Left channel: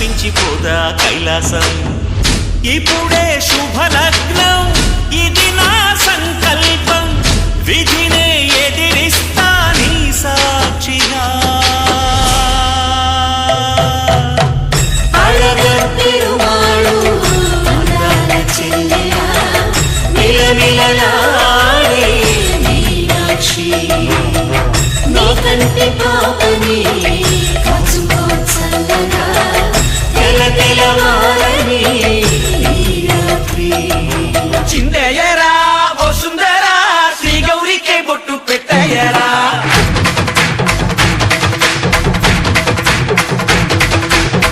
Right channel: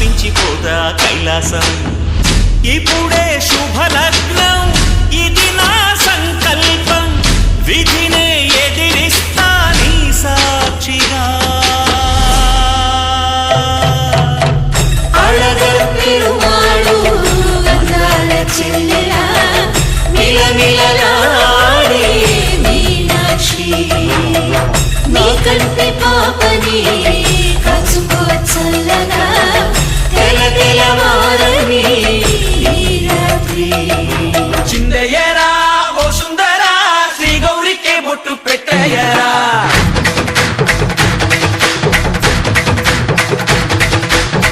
చూపించిపోదా కైలాసం. ఇప్పుడే శుభలగ్నం, ఇది నా సంకల్పం, విధినే ఎదిరిస్తా నీ సాక్షిగా. అళగర్ పెరుమాళు అందాల చెల్లెలా మిలమిలలాడే మీనాక్షి, నా కంటి పాపని కాచుకో చల్లగా తెల తెలవారని